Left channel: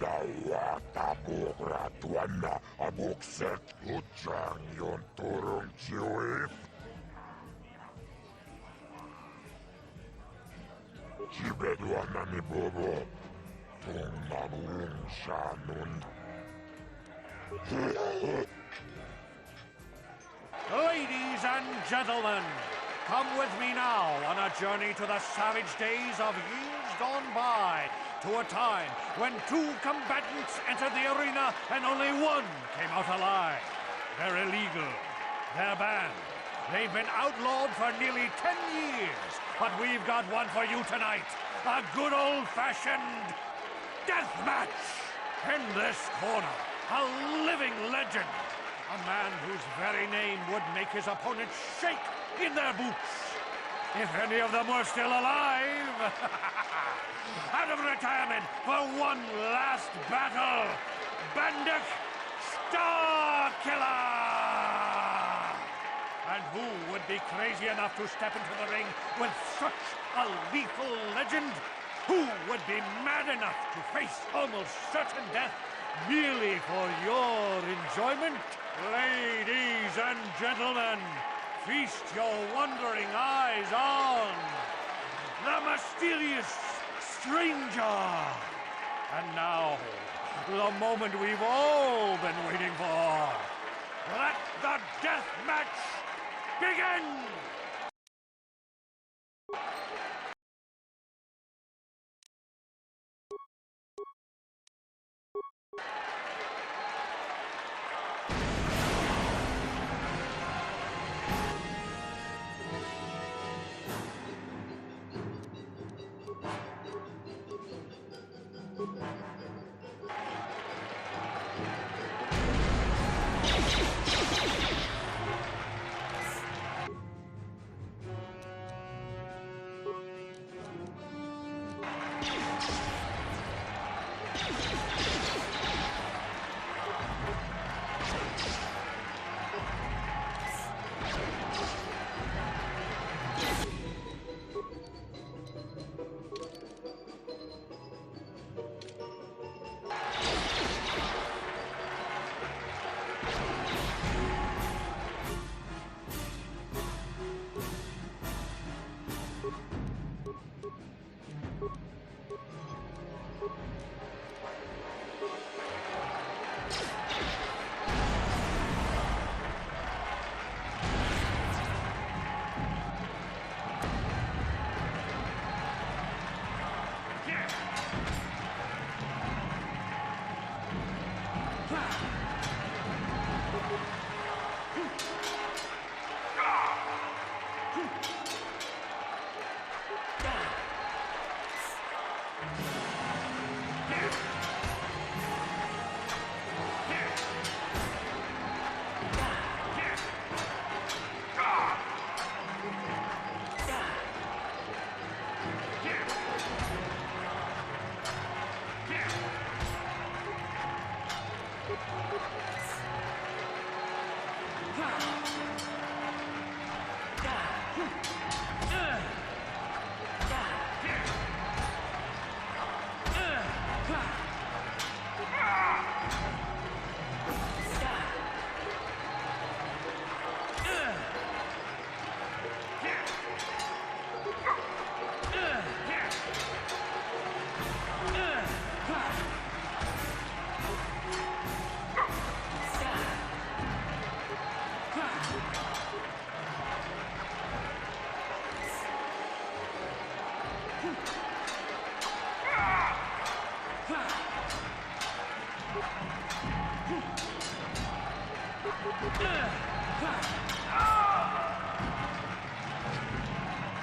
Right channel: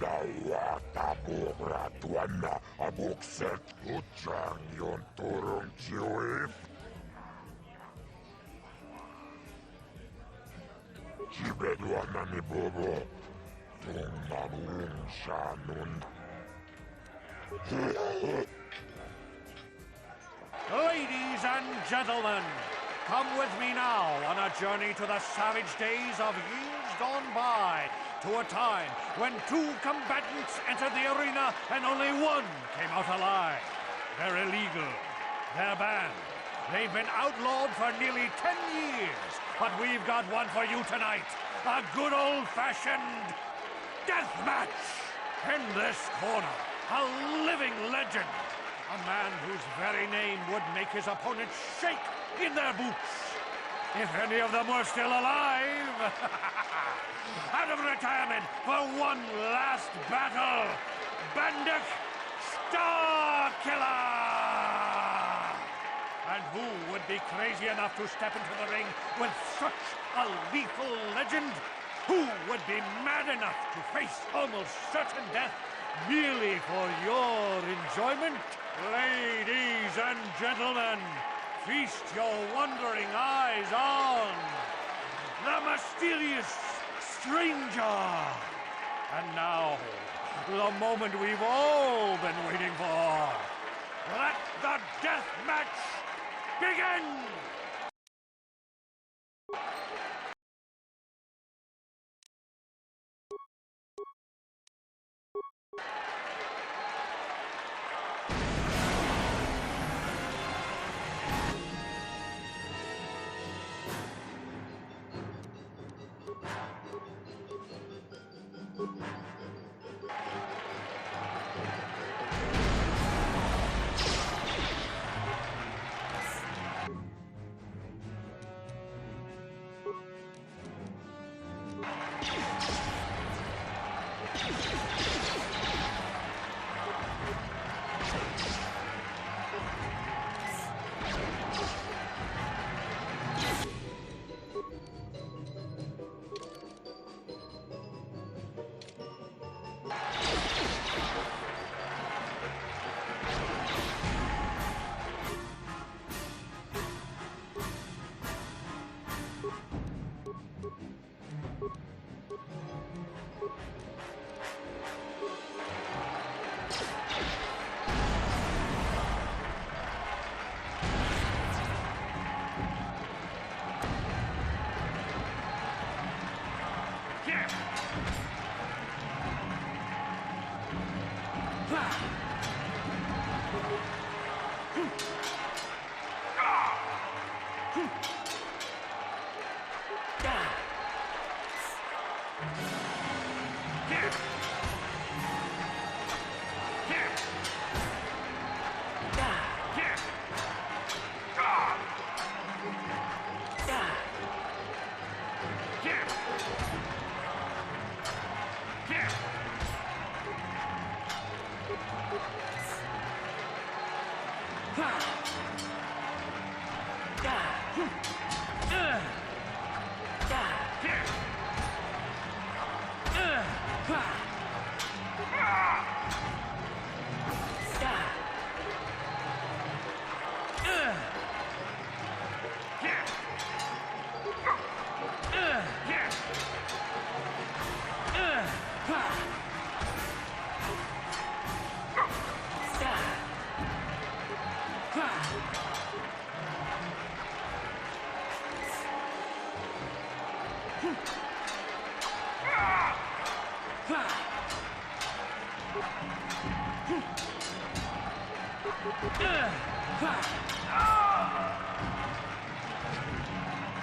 Dawata bugratuana abukset ujang yon turung ciwif. Cibeduana ni bobo. Tung mamung shanun. Ladies and gentlemen, come with me now on a journey to the savage days of years gone by, to a time when two combatants entered the arena and only one came out alive. They're illegal. They're banned. They've been outlawed for nearly 10 years, but we've got one for you tonight. A good old-fashioned death match. In this corner, a living legend. A man whose very name would make his opponents shake in their boots. If any of them were still alive. Out of retirement for one last battle, Banduk Starkiller! And who would be crazy enough to step into the ring with such a lethal legend? Who would be mad enough to face almost certain death merely for your enjoyment? Ladies and gentlemen, feast your wondering eyes on the mysterious stranger. And now, the moment we've all been waiting for. Let the death match begin!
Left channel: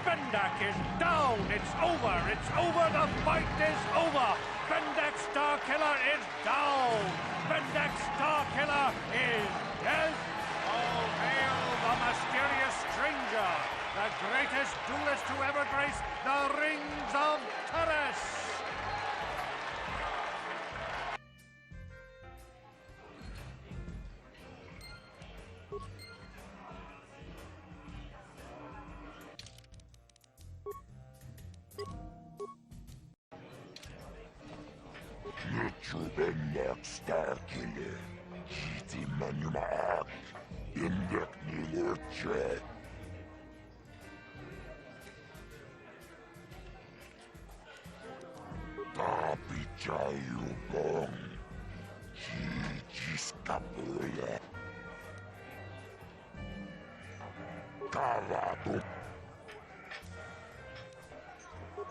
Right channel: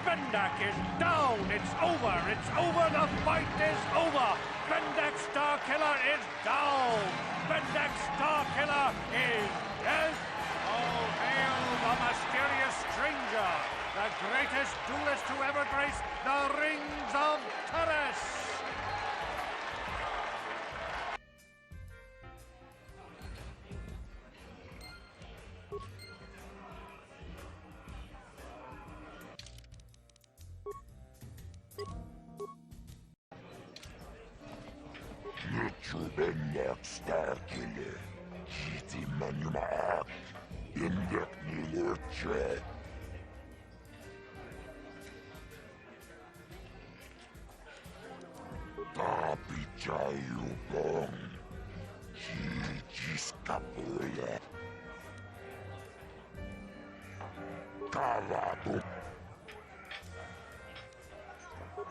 Bendak is down. It's over. It's over. The fight is over. Bendak Starkiller is down. Bendak Starkiller is dead. All hail the mysterious stranger, the greatest duelist to ever grace the rings of Taris. Chubennek starkille. Kiti manumaak. Indek nilurche. Tapichayubong. Jijiskapule. Kavatu.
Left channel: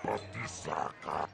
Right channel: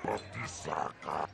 Patisaka.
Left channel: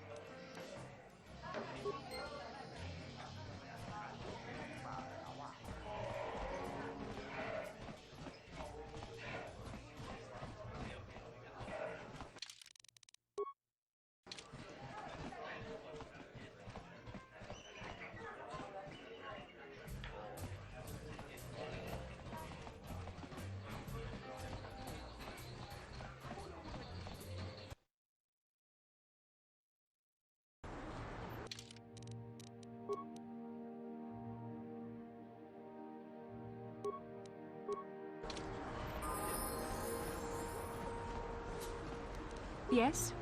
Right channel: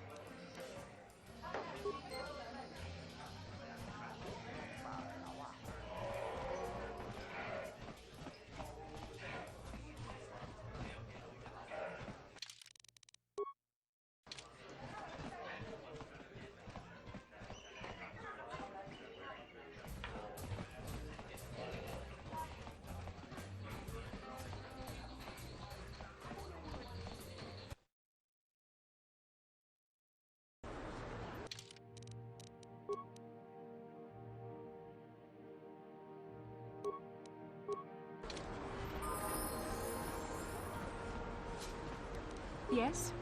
Yes?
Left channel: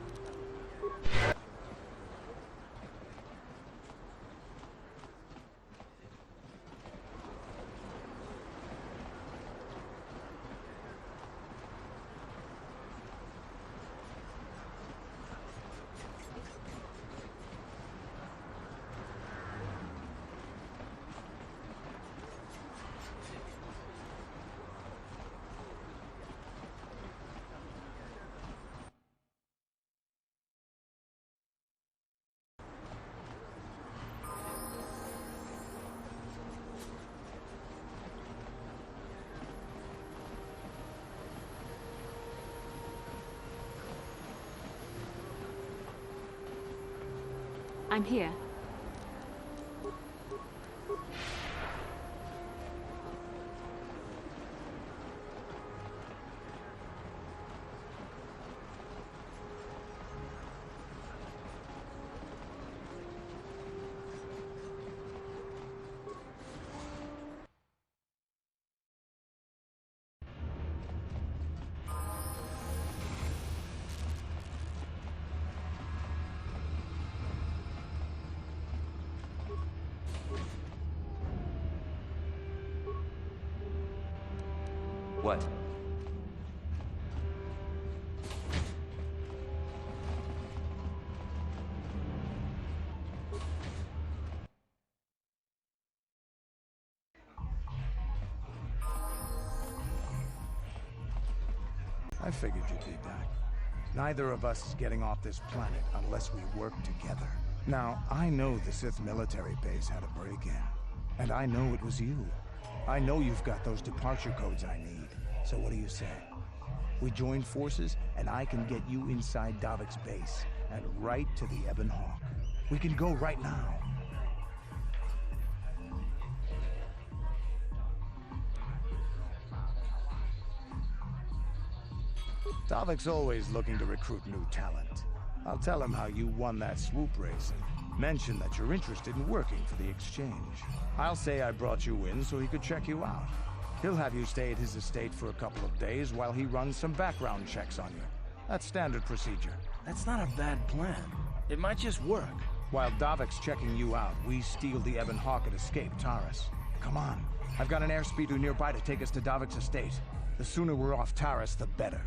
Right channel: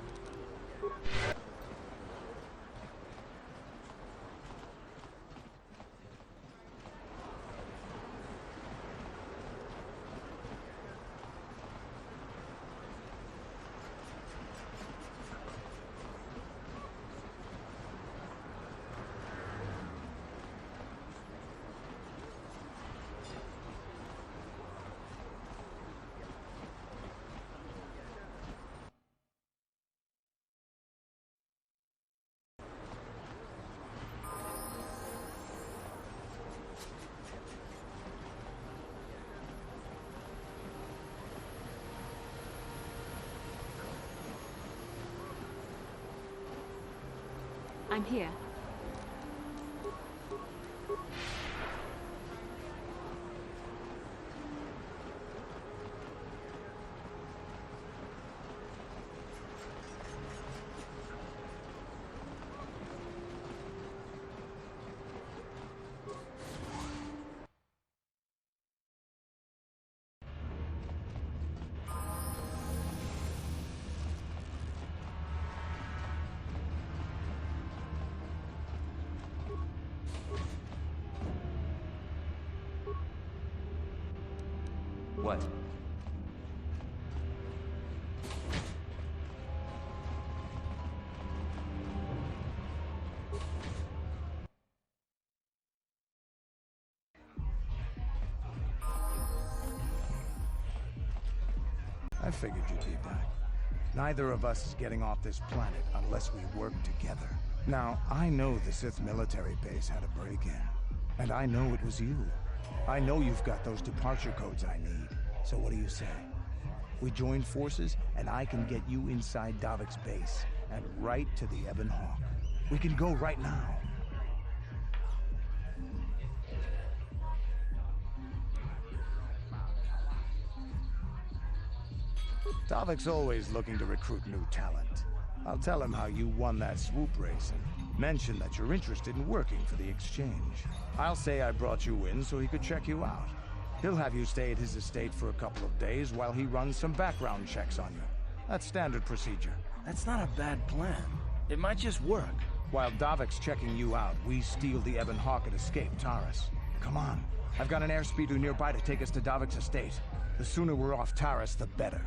I'm here. What? I figured you'd be back. Neither of us is getting off this planet unless we work together. Now, I know the Sith military base had a break-in, and I know it was you. I know you've got those departure codes I need, so what do you say? We join forces, and I can get you inside Daviks' base, and right to the Ebon Hawk. We can go right now. Daviks always looking to recruit new talent. I'll tell him how you won that swoop race and mention that you're interested in working for the exchange. I'll say I brought you in so he could check you out. He'll have you stay at his estate for a couple of days while he runs some background checks on you. That's standard procedure. That's not a bad plan. It might just work. While Daviks checking you out, we steal the Ebon Hawk and escape Taris. Come on. I've got an airspeeder nearby to take us to Daviks' estate. The sooner we're off Taris, the better.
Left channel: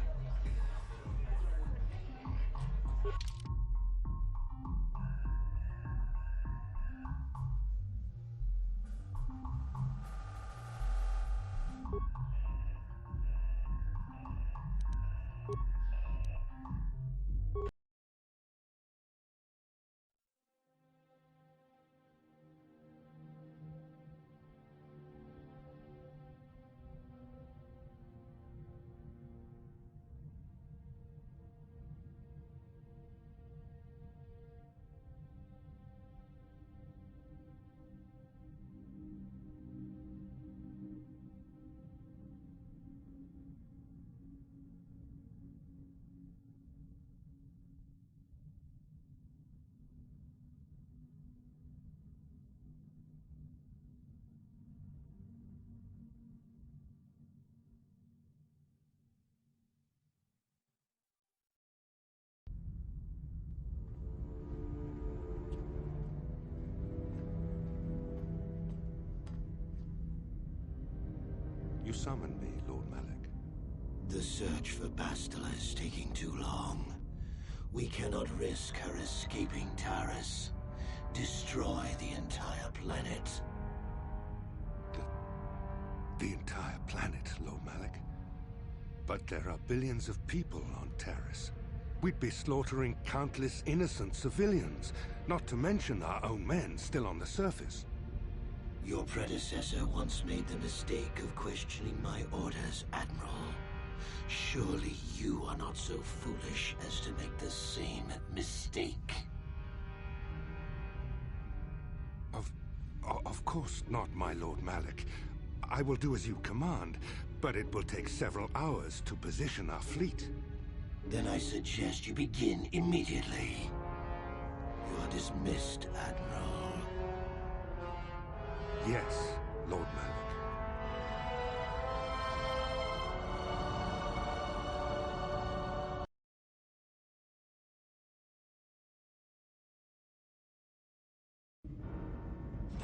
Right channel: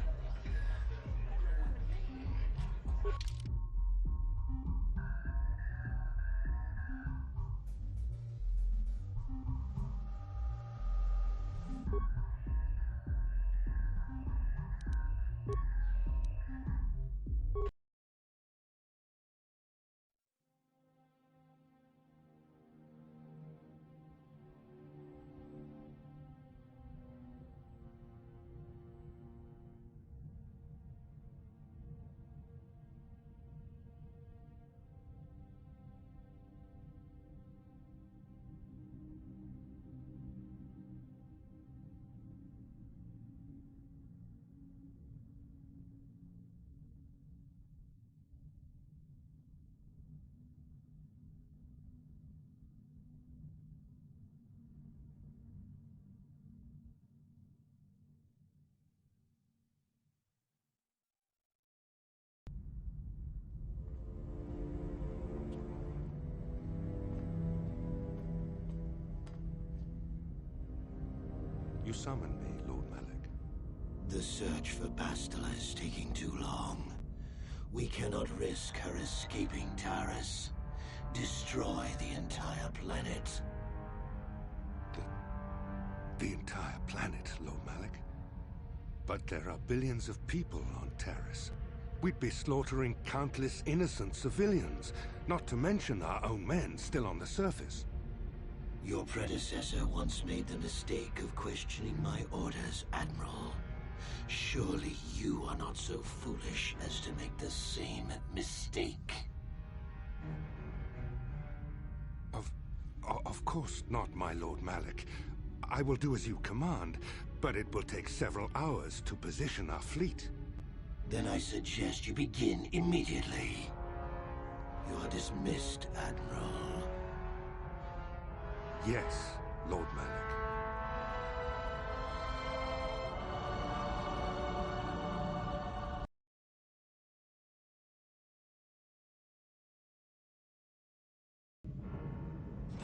You summoned me, Lord Malak. The search for Bastila is taking too long. We cannot risk her escaping Taris. Destroy the entire planet. The entire planet, Lord Malak? But there are billions of people on Taris. We'd be slaughtering countless innocent civilians, not to mention our own men still on the surface. Your predecessor once made the mistake of questioning my orders, Admiral. Surely you are not so foolish as to make the same mistake. Of course not, my Lord Malak. I will do as you command, but it will take several hours to position our fleet. Then I suggest you begin immediately. You are dismissed, Admiral. Yes, Lord Malak.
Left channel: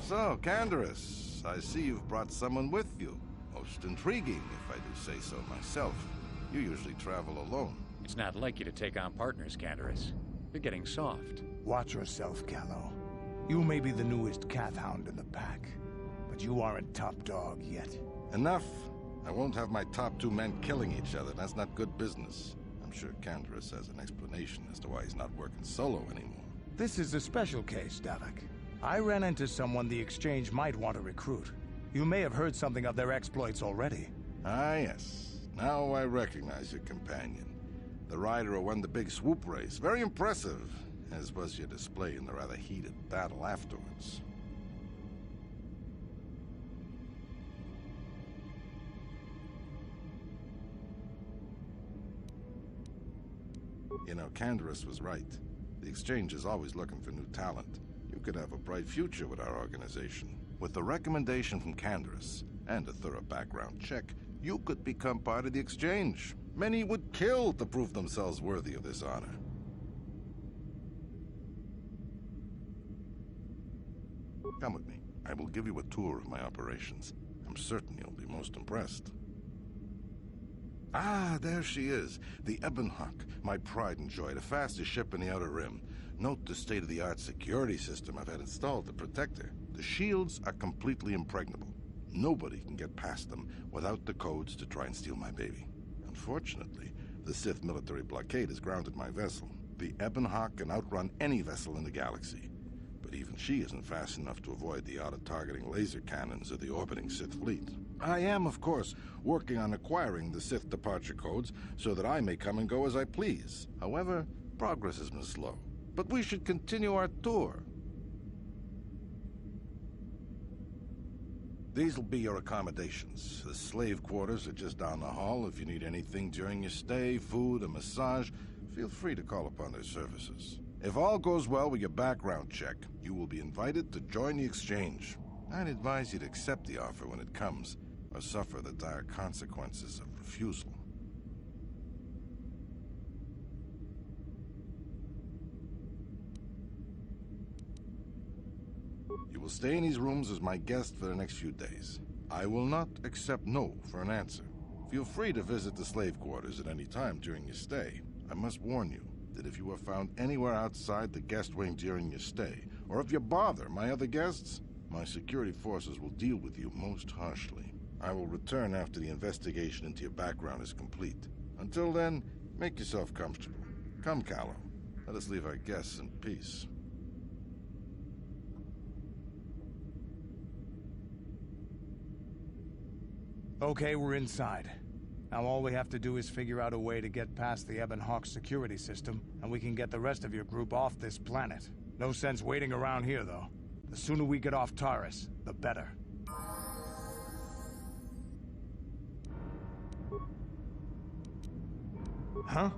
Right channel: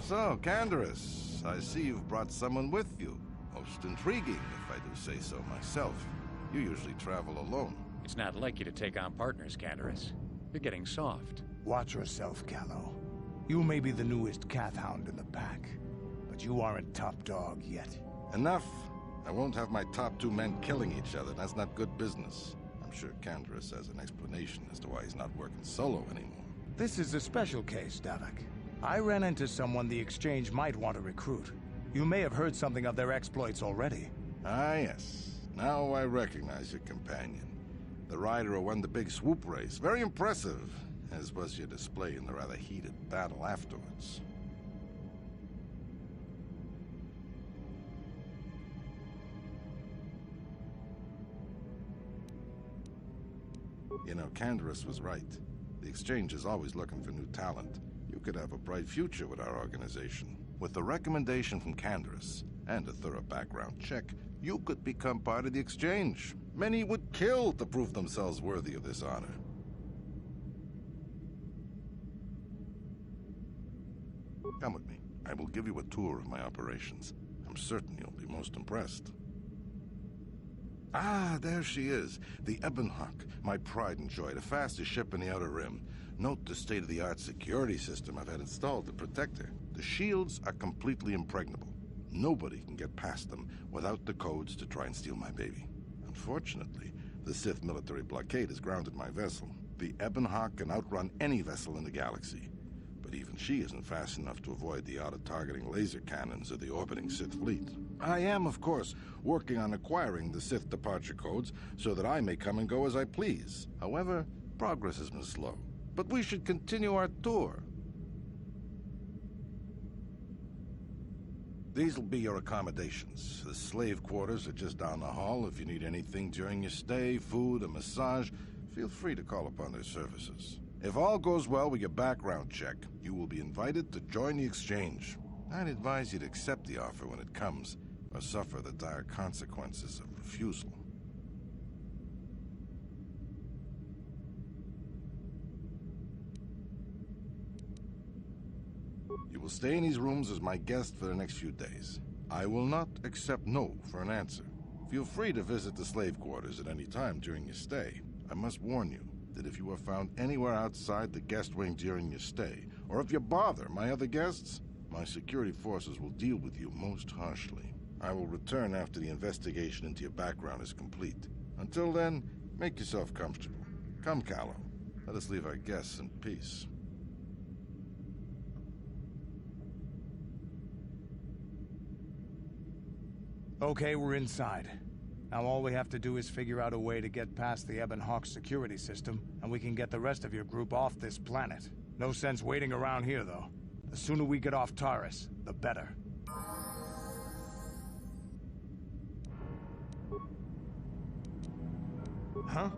So, Candaris, I see you've brought someone with you. Most intriguing, if I do say so myself. You usually travel alone. It's not like you to take on partners, Candaris. You're getting soft. Watch yourself, Callow. You may be the newest cath hound in the pack, but you aren't top dog yet. Enough. I won't have my top two men killing each other. That's not good business. I'm sure Candaris has an explanation as to why he's not working solo anymore. This is a special case, Davik. I ran into someone the Exchange might want to recruit. You may have heard something of their exploits already. Ah, yes. Now I recognize your companion. The rider who won the big swoop race. Very impressive, as was your display in the rather heated battle afterwards. You know, Candaris was right. The Exchange is always looking for new talent. You could have a bright future with our organization. With the recommendation from Candaris and a thorough background check, you could become part of the Exchange. Many would kill to prove themselves worthy of this honor. Come with me. I will give you a tour of my operations. I'm certain you'll be most impressed. Ah, there she is. The Ebonhawk, my pride and joy, the fastest ship in the Outer Rim. Note the state-of-the-art security system I've had installed to protect her. The shields are completely impregnable. Nobody can get past them without the codes to try and steal my baby. Unfortunately, the Sith military blockade has grounded my vessel. The Ebonhawk can outrun any vessel in the galaxy. But even she isn't fast enough to avoid the auto-targeting laser cannons of the orbiting Sith fleet. I am, of course, working on acquiring the Sith departure codes so that I may come and go as I please. However, progress has been slow. But we should continue our tour. These will be your accommodations. The slave quarters are just down the hall. If you need anything during your stay, food, a massage, feel free to call upon their services. If all goes well with your background check, you will be invited to join the Exchange. I'd advise you to accept the offer when it comes, or suffer the dire consequences of refusal. You will stay in these rooms as my guest for the next few days. I will not accept no for an answer. Feel free to visit the slave quarters at any time during your stay. I must warn you that if you are found anywhere outside the guest wing during your stay, or if you bother my other guests, my security forces will deal with you most harshly. I will return after the investigation into your background is complete. Until then, make yourself comfortable. Come, Callow. Let us leave our guests in peace. Okay, we're inside. Now all we have to do is figure out a way to get past the Ebonhawk security system, and we can get the rest of your group off this planet. No sense waiting around here, though. The sooner we get off Taris, the better. Huh?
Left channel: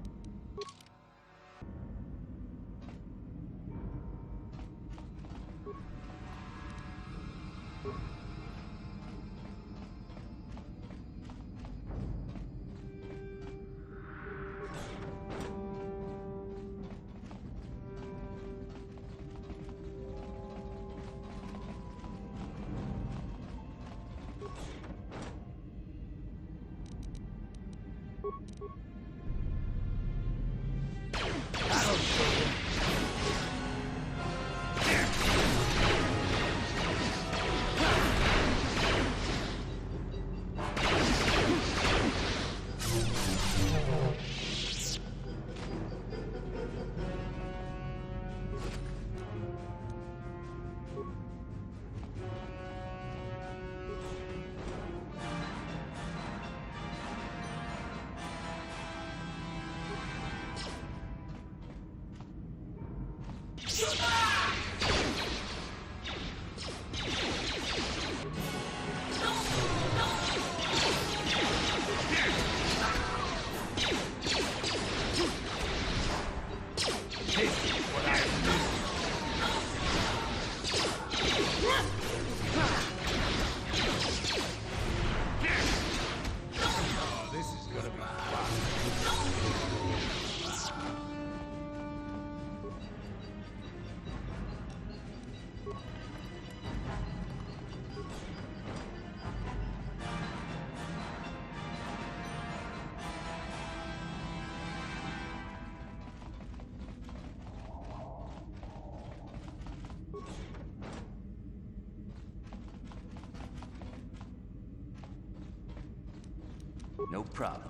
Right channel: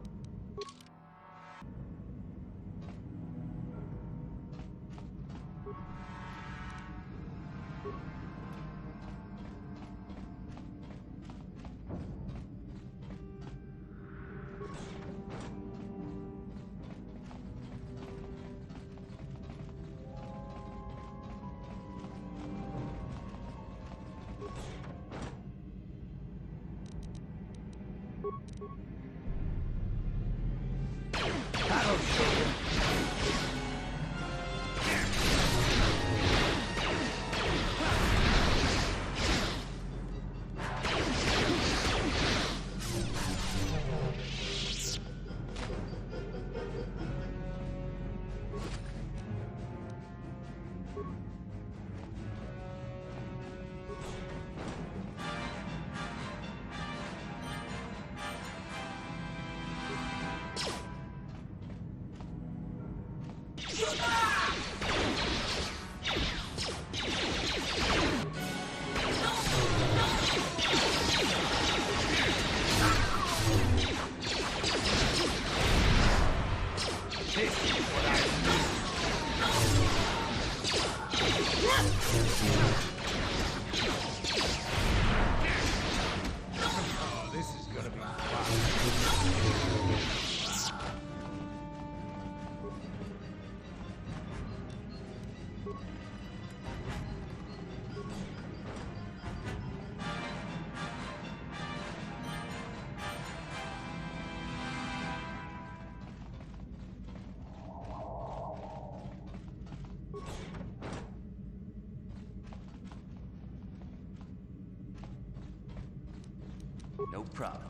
No problem.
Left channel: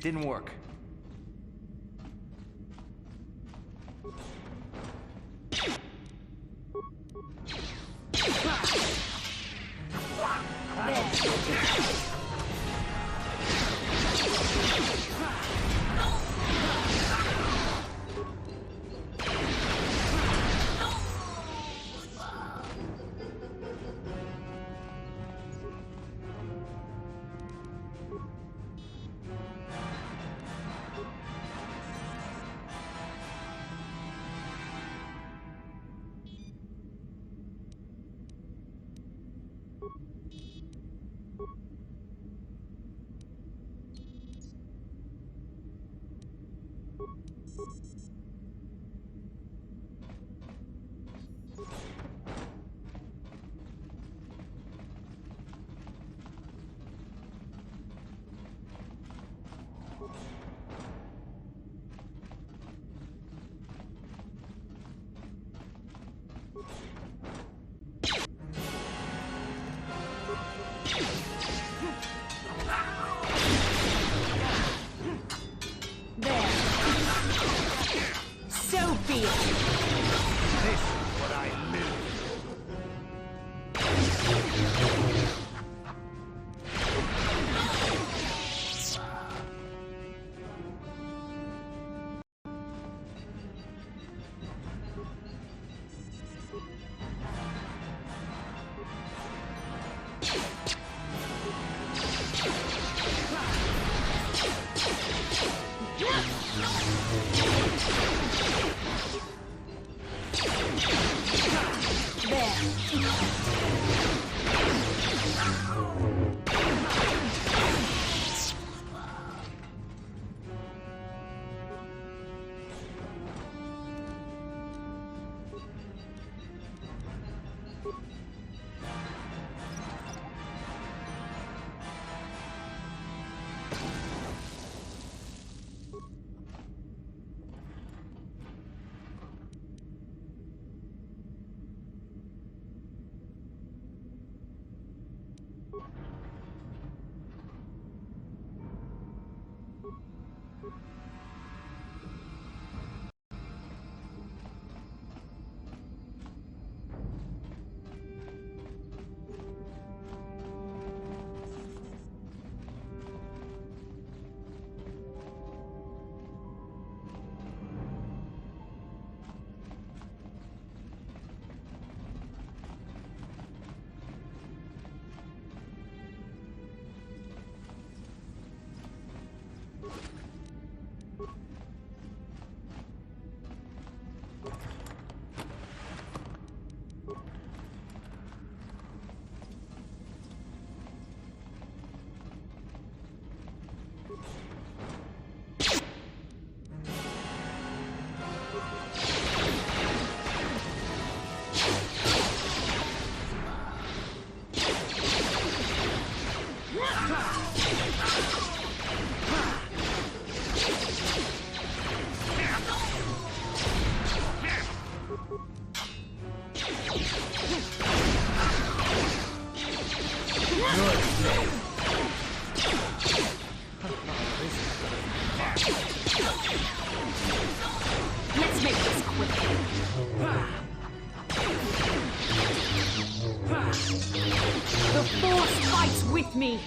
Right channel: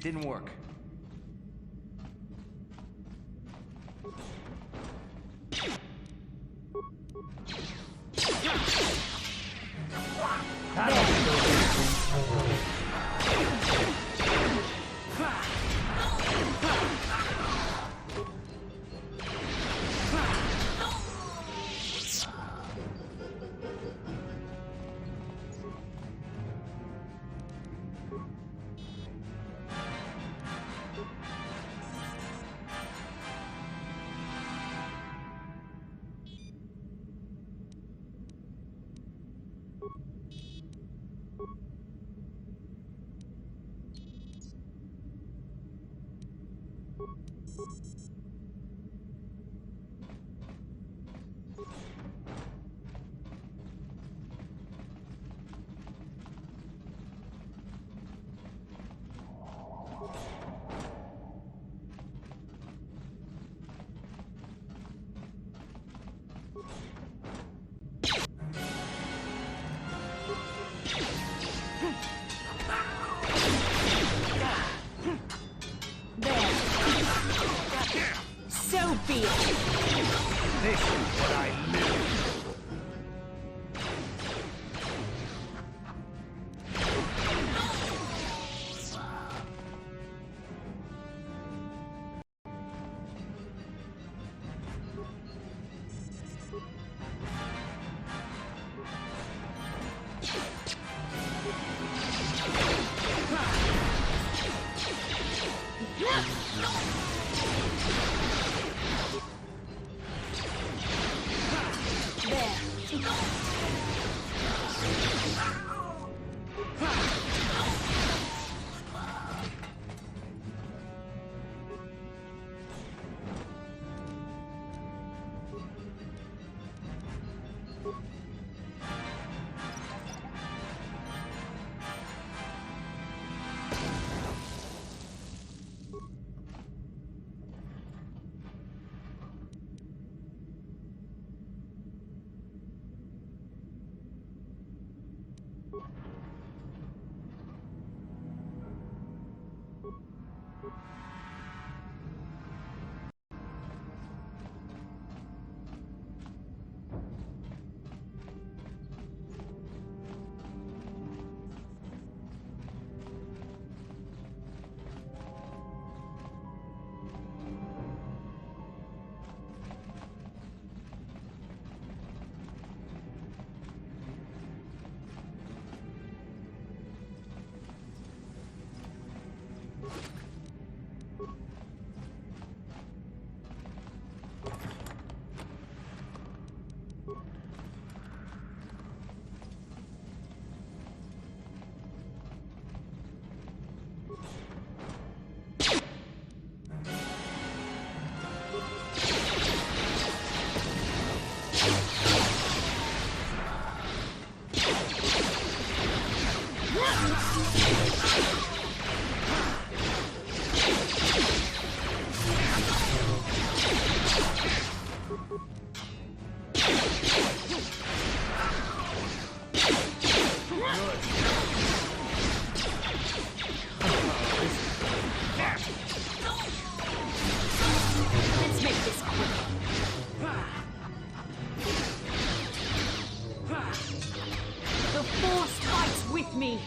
Didn't work. Let's make this quick. The Force fights with me.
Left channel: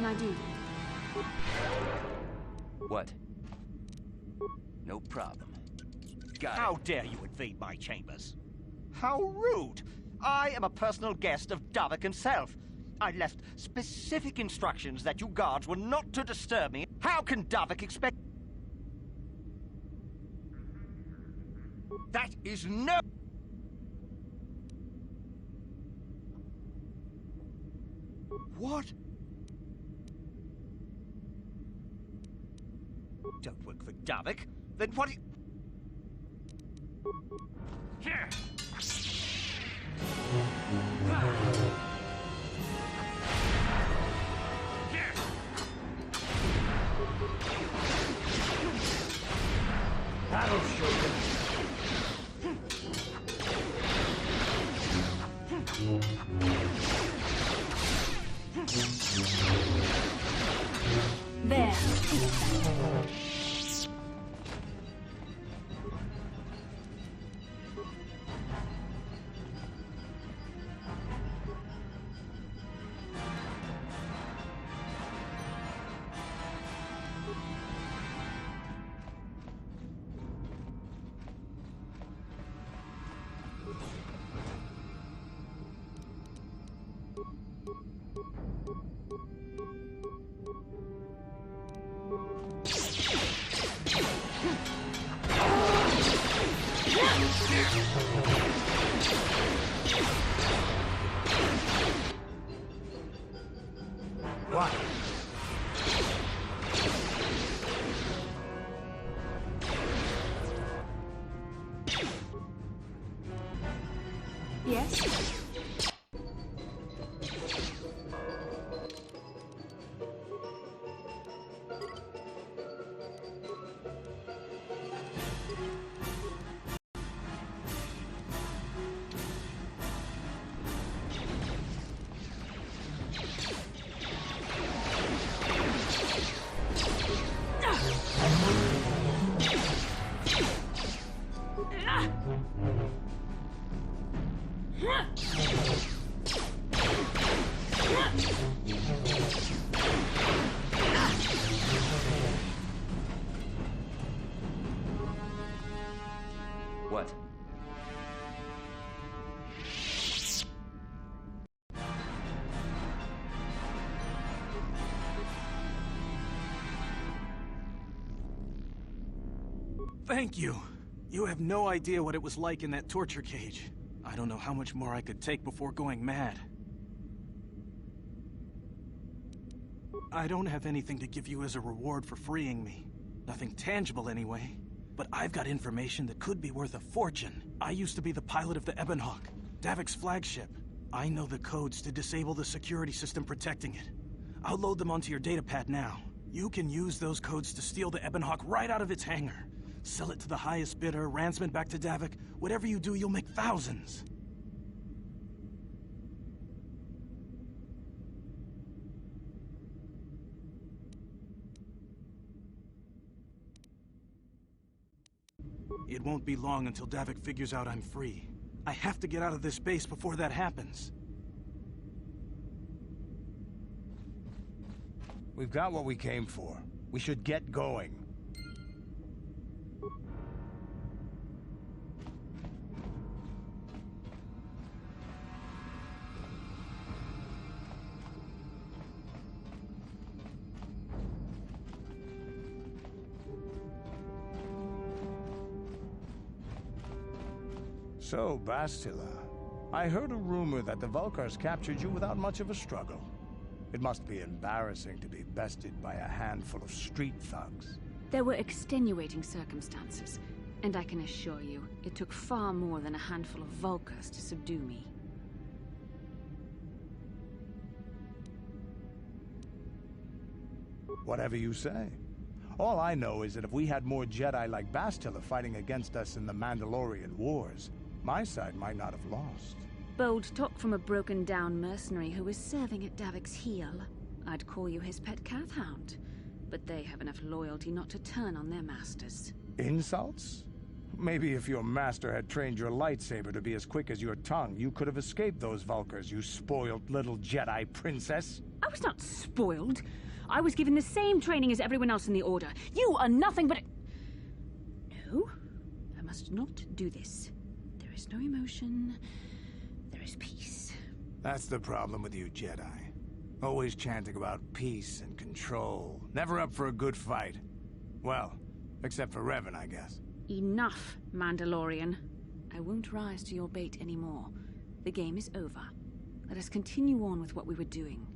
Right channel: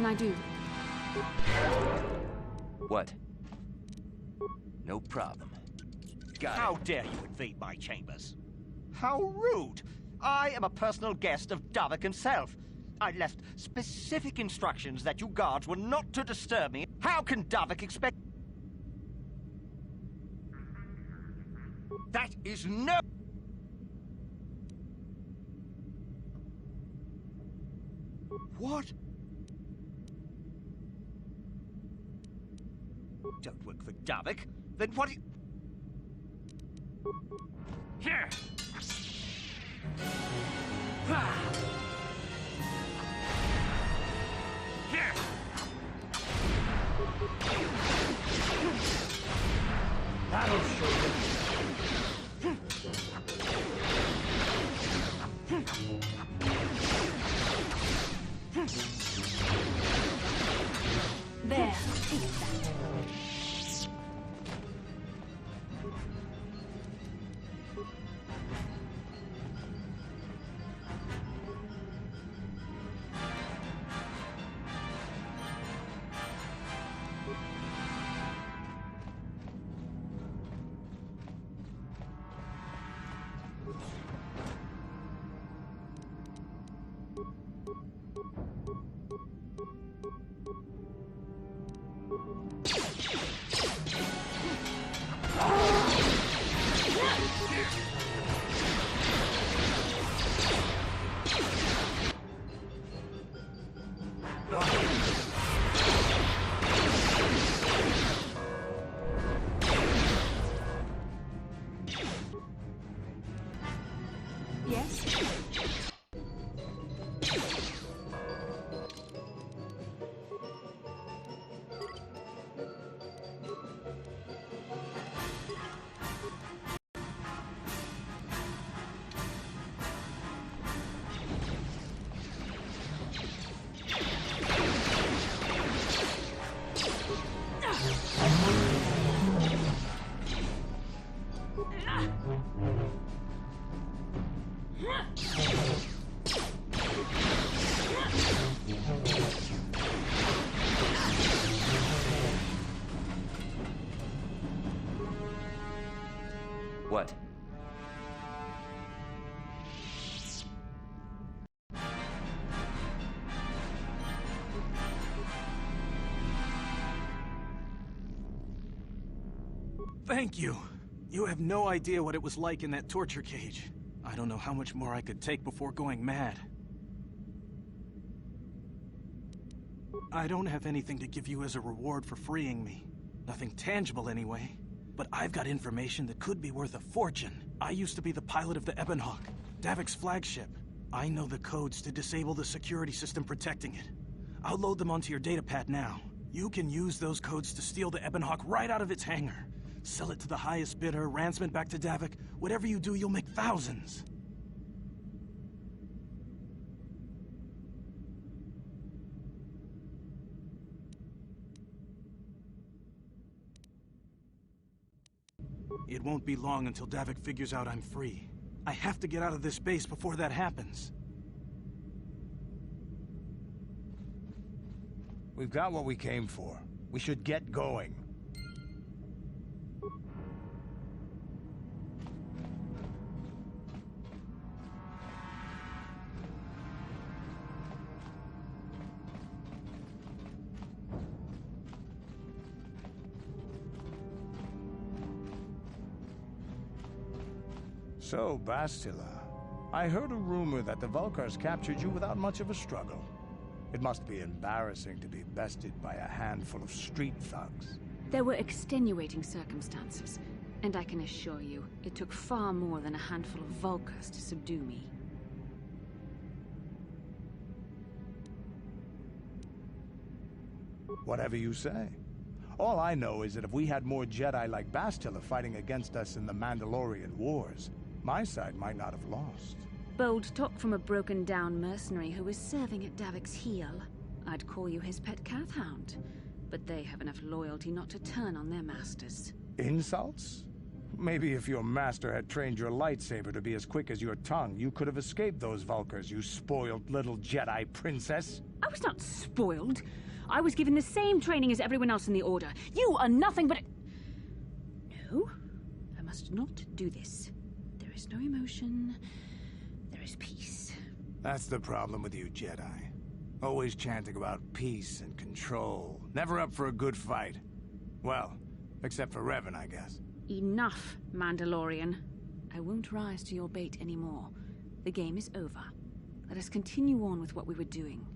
can I do? What? No problem. Got How it. dare you invade my chambers? How rude! I am a personal guest of Davik himself. I left specific instructions that you guards were not to disturb me. How can Davik expect... That is no... What? Don't work for Davik? Then what... Here! Here! That'll show you. There. Yes? What? Thank you. You have no idea what it was like in that torture cage. I don't know how much more I could take before going mad. I don't have anything to give you as a reward for freeing me. Nothing tangible anyway. But I've got information that could be worth a fortune. I used to be the pilot of the Ebonhawk, Davik's flagship. I know the codes to disable the security system protecting it. I'll load them onto your datapad now. You can use those codes to steal the Ebonhawk right out of its hangar. Sell it to the highest bidder, ransom it back to Davik. Whatever you do, you'll make thousands. It won't be long until Davik figures out I'm free. I have to get out of this base before that happens. We've got what we came for. We should get going. So, Bastila, I heard a rumor that the Vulkars captured you without much of a struggle. It must be embarrassing to be bested by a handful of street thugs. There were extenuating circumstances, and I can assure you, it took far more than a handful of Vulkars to subdue me. Whatever you say. All I know is that if we had more Jedi like Bastila fighting against us in the Mandalorian Wars, my side might not have lost. Bold talk from a broken-down mercenary who is serving at Davik's heel. I'd call you his pet cat-hound, but they have enough loyalty not to turn on their masters. Insults? Maybe if your master had trained your lightsaber to be as quick as your tongue, you could have escaped those Vulkars, you spoiled little Jedi princess. I was not spoiled. I was given the same training as everyone else in the Order. You are nothing but... No, I must not do this. There is no emotion. There is peace. That's the problem with you, Jedi. Always chanting about peace and control. Never up for a good fight. Well, except for Revan, I guess. Enough, Mandalorian. I won't rise to your bait anymore. The game is over. Let us continue on with what we were doing.